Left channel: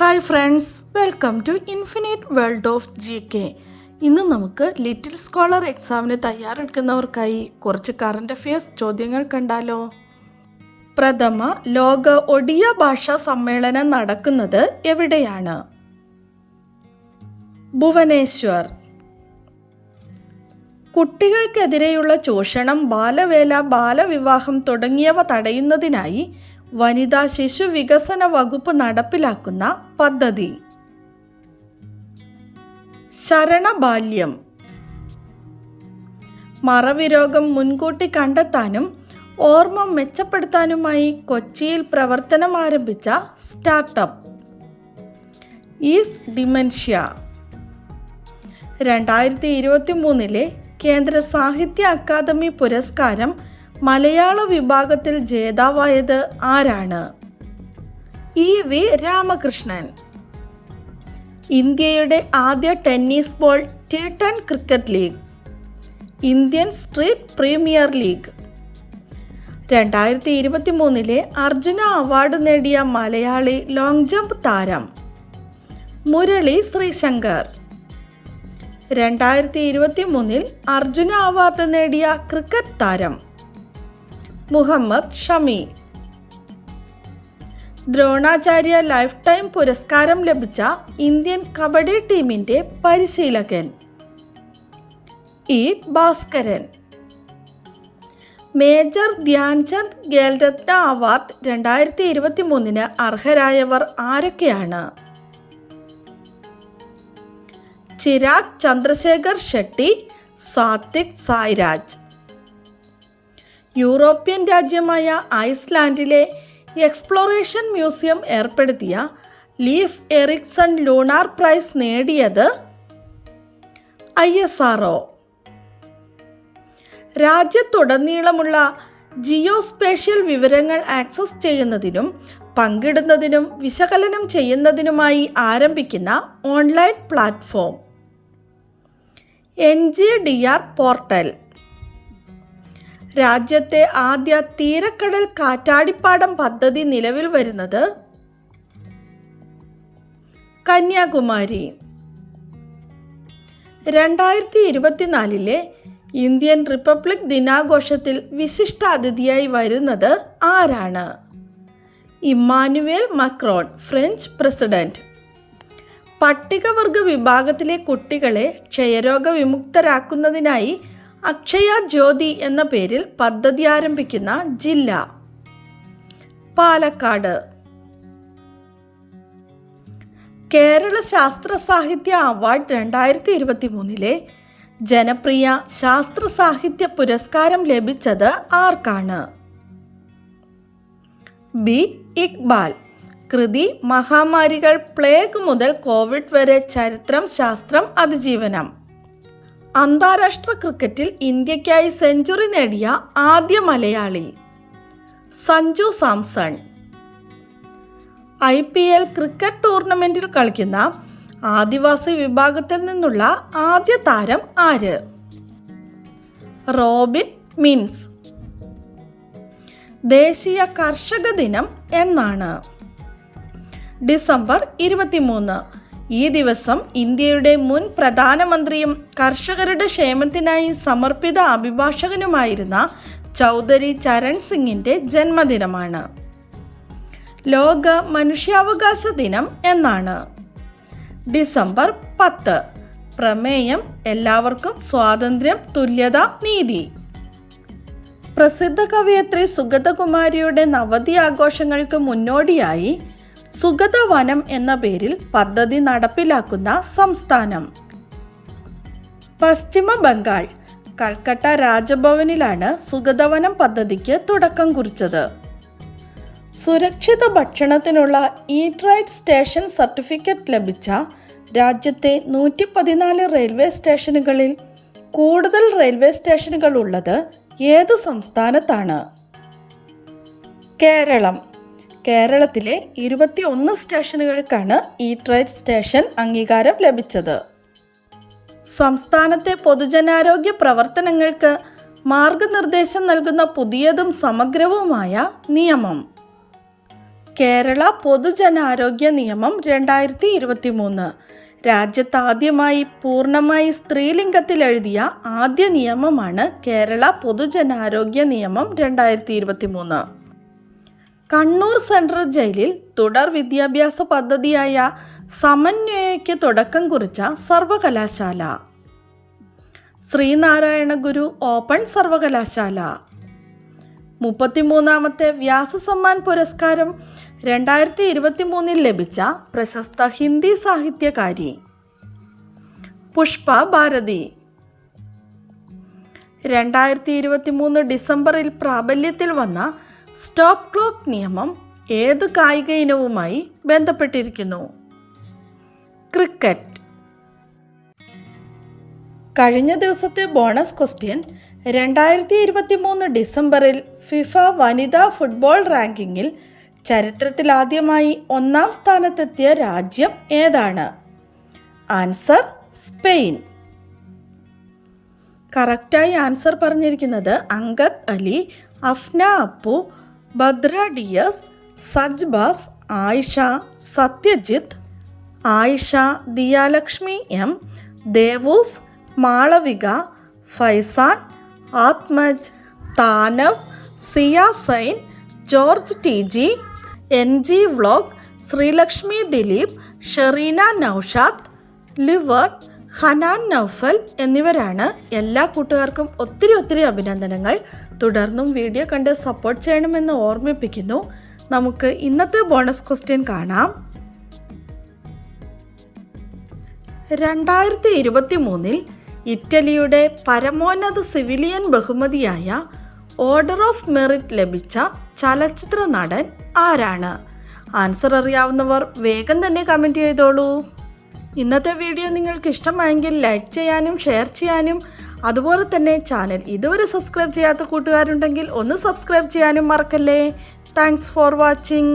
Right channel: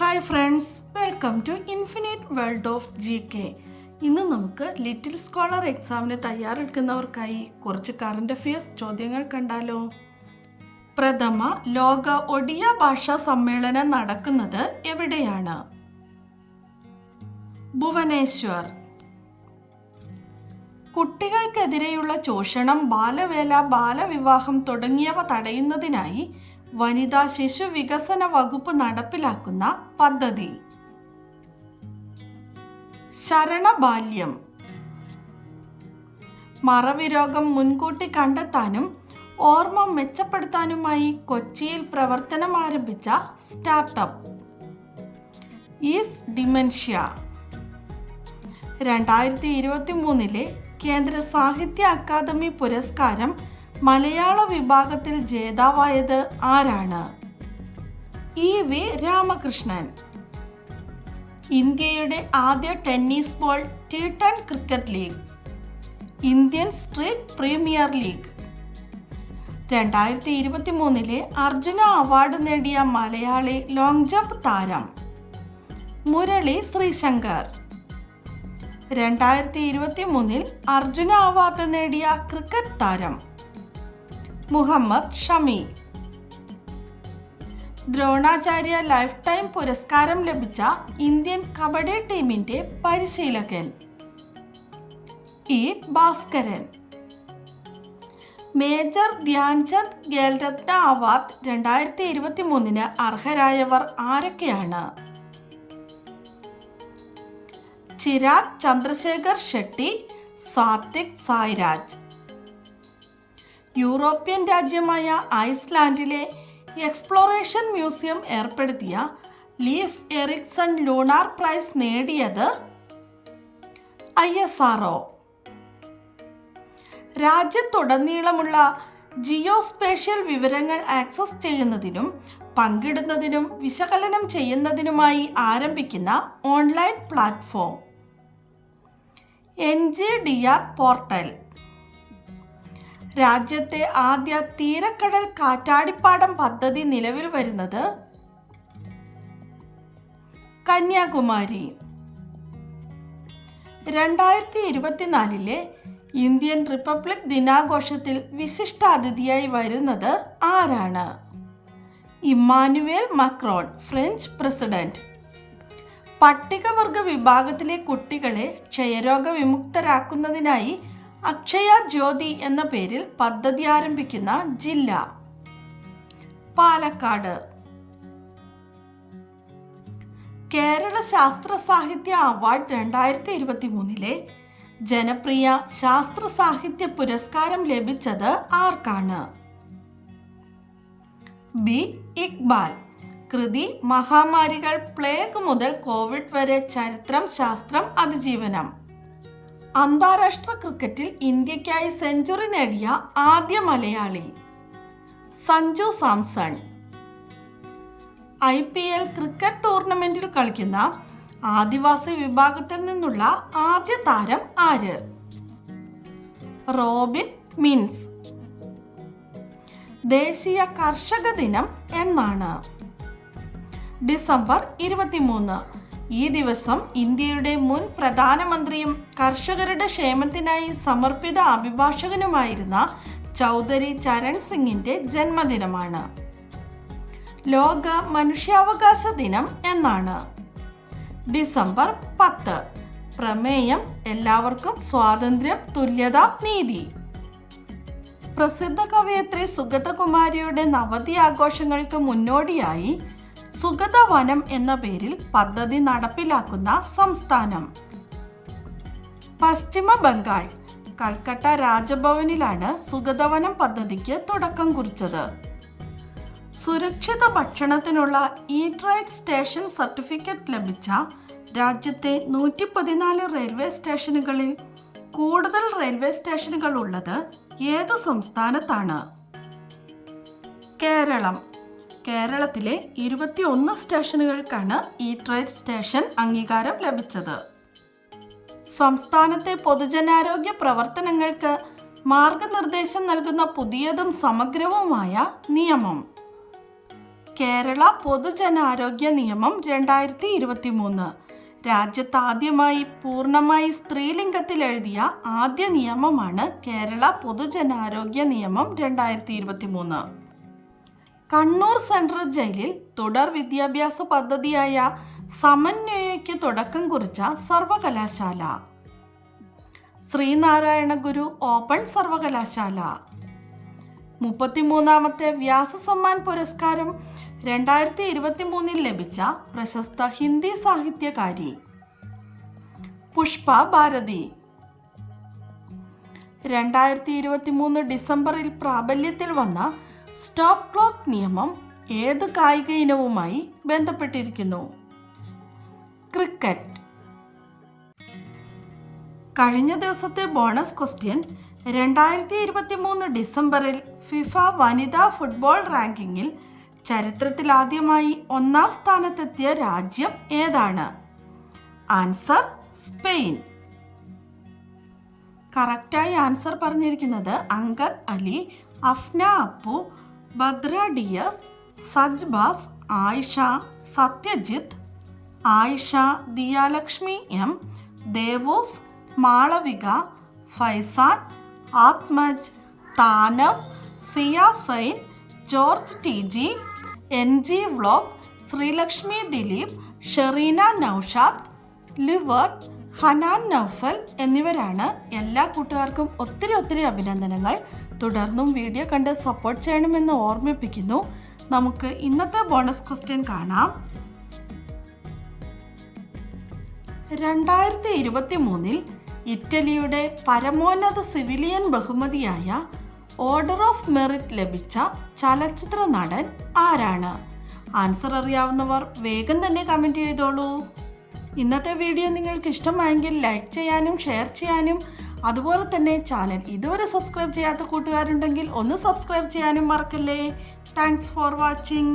Hi friends welcome to infinite world of G K ഇന്ന് നമുക്ക് little scholar എക്സാമിന് തയ്യാറെടുക്കുന്നവർക്കായി കുറച്ച് കറണ്ട് അഫയേഴ്സ് ചോദ്യങ്ങൾ കണ്ടാലോ. പ്രഥമ ലോക ഒഡിയ ഭാഷാ സമ്മേളനം നടക്കുന്നത് എവിടെയാണ്? ഭുവനേശ്വർ. കുട്ടികൾക്കെതിരെയുള്ള ചൂഷണം ബാലവേല ബാലവിവാഹം തുടങ്ങിയവ തടയുന്നതിനായി വനിതാ ശിശു വികസന വകുപ്പ് നടപ്പിലാക്കുന്ന പദ്ധതി. ശരണബാല്യം. മറവി രോഗം മുൻകൂട്ടി കണ്ടെത്താനും ഓർമ്മ മെച്ചപ്പെടുത്താനുമായി കൊച്ചിയിൽ പ്രവർത്തനം ആരംഭിച്ച സ്റ്റാർട്ടപ്പ്. Is dementia. രണ്ടായിരത്തി ഇരുപത്തി മൂന്നിലെ കേന്ദ്ര സാഹിത്യ അക്കാദമി പുരസ്കാരം മലയാള വിഭാഗത്തിൽ ജേതാവായത് ആരാണ്? E V Ramakrishnan. ഇന്ത്യയുടെ ആദ്യ tennis ball T ten cricket league. Indian street premier league. രണ്ടായിരത്തി ഇരുപത്തി മൂന്നിലെ അർജുന അവാർഡ് നേടിയ മലയാളി ലോങ് ജമ്പ് താരം മുരളി ശ്രീശങ്കർ. രണ്ടായിരത്തി ഇരുപത്തി മൂന്നിൽ അർജുന അവാർഡ് നേടിയ ക്രിക്കറ്റ് താരം മുഹമ്മദ് ഷമി. ദ്രോണാചാര്യ ലൈഫ് ടൈം പുരസ്കാരം ലഭിച്ച ഇന്ത്യൻ കബഡി ടീമിന്റെ പരിശീലകൻ. E. Bhaskaran. Major Dhyan Chand Khel Ratna award രണ്ടായിരത്തി ഇരുപത്തി മൂന്നിന് അർഹരായവർ ആരൊക്കെയാണ്? ചിരാഗ് ചന്ദ്രശേഖർ ഷെട്ടി സാത്വിക് സായ്രാജ്. യൂറോപ്യൻ രാജ്യമായ ഐസ്ലാൻഡിലെ എക്സ്പ്ലോറേഷൻ മ്യൂസിയം ഏർപ്പെടുത്തിയ ലീഫ് എറിക്സൺ ലൂണാർ പ്രൈസ് നേടിയത് ഐ എസ് ആർ ഒ. രാജ്യത്തുടനീളമുള്ള ജിയോസ്പേഷ്യൽ വിവരങ്ങൾ ആക്സസ് ചെയ്യുന്നതിനും പങ്കിടുന്നതിനും വിശകലനം ചെയ്യുന്നതിനുമായി ആരംഭിക്കുന്ന online platform. N G D R portal. രാജ്യത്തെ ആദ്യ തീരക്കടൽ കാറ്റാടിപ്പാടം പദ്ധതി നിലവിൽ വരുന്നത് കന്യാകുമാരി. രണ്ടായിരത്തി ഇരുപത്തിനാലിലെ ഇന്ത്യൻ റിപ്പബ്ലിക് ദിനാഘോഷത്തിൽ വിശിഷ്ടാതിഥിയായി വരുന്നത് ആരാണ്? Emmanuel Macron French president. പട്ടികവർഗ വിഭാഗത്തിലെ കുട്ടികളെ ക്ഷയരോഗ വിമുക്തരാക്കുന്നതിനായി അക്ഷയ ജ്യോതി എന്ന പേരിൽ പദ്ധതി ആരംഭിക്കുന്ന ജില്ല. പാലക്കാട്. കേരള ശാസ്ത്ര സാഹിത്യ അവാർഡ് രണ്ടായിരത്തി ഇരുപത്തി മൂന്നിലെ ജനപ്രിയ ശാസ്ത്ര സാഹിത്യ പുരസ്കാരം ലഭിച്ചത് ആർക്കാണ്? ബി. ഇക്ബാൽ. കൃതി മഹാമാരികൾ പ്ലേഗ് മുതൽ കോവിഡ് വരെ ചരിത്രം ശാസ്ത്രം അതിജീവനം. അന്താരാഷ്ട്ര ക്രിക്കറ്റിൽ ഇന്ത്യക്കായി സെഞ്ചുറി നേടിയ ആദ്യ Malayali Sanju Samson. I P L cricket ടൂർണമെന്റിൽ കളിക്കുന്ന ആദിവാസി വിഭാഗത്തിൽ നിന്നുള്ള ആദ്യ താരം ആര്? റോബിൻ മിൻസ്. ദേശീയ കർഷക ദിനം എന്നാണ്. ഡിസംബർ ഇരുപത്തിമൂന്ന്. ഈ ദിവസം ഇന്ത്യയുടെ മുൻ പ്രധാനമന്ത്രിയും കർഷകരുടെ ക്ഷേമത്തിനായി സമർപ്പിത അഭിഭാഷകനുമായിരുന്ന ചൗധരി ചരൺ സിംഗിന്റെ ജന്മദിനമാണ്. ലോക മനുഷ്യാവകാശ ദിനം എന്നാണ്. ഡിസംബർ പത്ത്. പ്രമേയം എല്ലാവർക്കും സ്വാതന്ത്ര്യം തുല്യത നീതി. പ്രസിദ്ധ കവയത്രി സുഗതകുമാരിയുടെ നവതി ആഘോഷങ്ങൾക്ക് മുന്നോടിയായി സുഗതവനം എന്ന പേരിൽ പദ്ധതി നടപ്പിലാക്കുന്ന സംസ്ഥാനം. പശ്ചിമ ബംഗാൾ കൽക്കട്ട രാജഭവനിലാണ് സുഗതവനം പദ്ധതിക്ക് തുടക്കം കുറിച്ചത്. സുരക്ഷിത ഭക്ഷണത്തിനുള്ള ഈറ്റ് സ്റ്റേഷൻ സർട്ടിഫിക്കറ്റ് ലഭിച്ച രാജ്യത്തെ നൂറ്റി പതിനാല് റെയിൽവേ സ്റ്റേഷനുകളിൽ കൂടുതൽ റെയിൽവേ സ്റ്റേഷനുകൾ ഉള്ളത് ഏത് സംസ്ഥാനത്താണ്? കേരളം. കേരളത്തിലെ ഇരുപത്തി ഒന്ന് സ്റ്റേഷനുകൾക്കാണ് ഇ ട്രേഡ് സ്റ്റേഷൻ അംഗീകാരം ലഭിച്ചത്. സംസ്ഥാനത്തെ പൊതുജനാരോഗ്യ പ്രവർത്തനങ്ങൾക്ക് മാർഗനിർദ്ദേശം നൽകുന്ന പുതിയതും സമഗ്രവുമായ നിയമം. കേരള പൊതുജനാരോഗ്യ നിയമം രണ്ടായിരത്തി ഇരുപത്തി മൂന്ന് രാജ്യത്താദ്യമായി പൂർണമായി സ്ത്രീലിംഗത്തിൽ എഴുതിയ ആദ്യ നിയമമാണ് കേരള പൊതുജനാരോഗ്യ നിയമം രണ്ടായിരത്തി ഇരുപത്തി മൂന്ന് കണ്ണൂർ സെൻട്രൽ ജയിലിൽ തുടർ വിദ്യാഭ്യാസ പദ്ധതിയായ സമന്വയയ്ക്ക് തുടക്കം കുറിച്ച സർവകലാശാല. ശ്രീനാരായണ ഗുരു ഓപ്പൺ സർവകലാശാല. മുപ്പത്തിമൂന്നാമത്തെ വ്യാസസമ്മാൻ പുരസ്കാരം രണ്ടായിരത്തി ഇരുപത്തി മൂന്നിൽ ലഭിച്ച പ്രശസ്ത ഹിന്ദി സാഹിത്യകാരി. പുഷ്പ ഭാരതി. രണ്ടായിരത്തി ഇരുപത്തി മൂന്ന് ഡിസംബറിൽ പ്രാബല്യത്തിൽ വന്ന സ്റ്റോപ്പ് ക്ലോക്ക് നിയമം ഏത് കായിക ഇനവുമായി ബന്ധപ്പെട്ടിരിക്കുന്നു? ക്രിക്കറ്റ്. കഴിഞ്ഞ ദിവസത്തെ ബോണസ് ക്വസ്റ്റ്യൻ രണ്ടായിരത്തി ഇരുപത്തി മൂന്ന് ഡിസംബറിൽ ഫിഫ വനിതാ ഫുട്ബോൾ റാങ്കിങ്ങിൽ ചരിത്രത്തിലാദ്യമായി ഒന്നാം സ്ഥാനത്തെത്തിയ രാജ്യം ഏതാണ്? Answer Spain. കറക്റ്റായി ആൻസർ പറഞ്ഞിരിക്കുന്നത് Angad Ali Afna Appu Bhadra Dias Sajbas Ayisha Satyajith Ayisha Diyalakshmi M Devus Malavika Faizan Athmaj Thanav Siya Zain George T G N G vlog Sreelakshmi Dileep Sherina Noushad Livert Hanan Noufal എന്നിവരാണ് എല്ലാ കൂട്ടുകാർക്കും ഒത്തിരി ഒത്തിരി അഭിനന്ദനങ്ങൾ. തുടർന്നും video കണ്ട് support ചെയ്യണമെന്ന് ഓർമ്മിപ്പിക്കുന്നു. നമുക്ക് ഇന്നത്തെ ബോണസ് ക്വസ്റ്റ്യൻ കാണാം. രണ്ടായിരത്തി ഇരുപത്തി മൂന്നിൽ ഇറ്റലിയുടെ പരമോന്നത സിവിലിയൻ ബഹുമതിയായ ഓർഡർ ഓഫ് മെറിറ്റ് ലഭിച്ച ചലച്ചിത്ര നടൻ ആരാണ്? ആൻസർ അറിയാവുന്നവർ വേഗം തന്നെ കമന്റ് ചെയ്തോളൂ. ഇന്നത്തെ വീഡിയോ നിങ്ങൾക്ക് ഇഷ്ടമായെങ്കിൽ ലൈക്ക് ചെയ്യാനും ഷെയർ ചെയ്യാനും അതുപോലെ തന്നെ ചാനൽ ഇതുവരെ സബ്സ്ക്രൈബ് ചെയ്യാത്ത കൂട്ടുകാരുണ്ടെങ്കിൽ ഒന്ന് സബ്സ്ക്രൈബ് ചെയ്യാനും മറക്കല്ലേ. Thanks for watching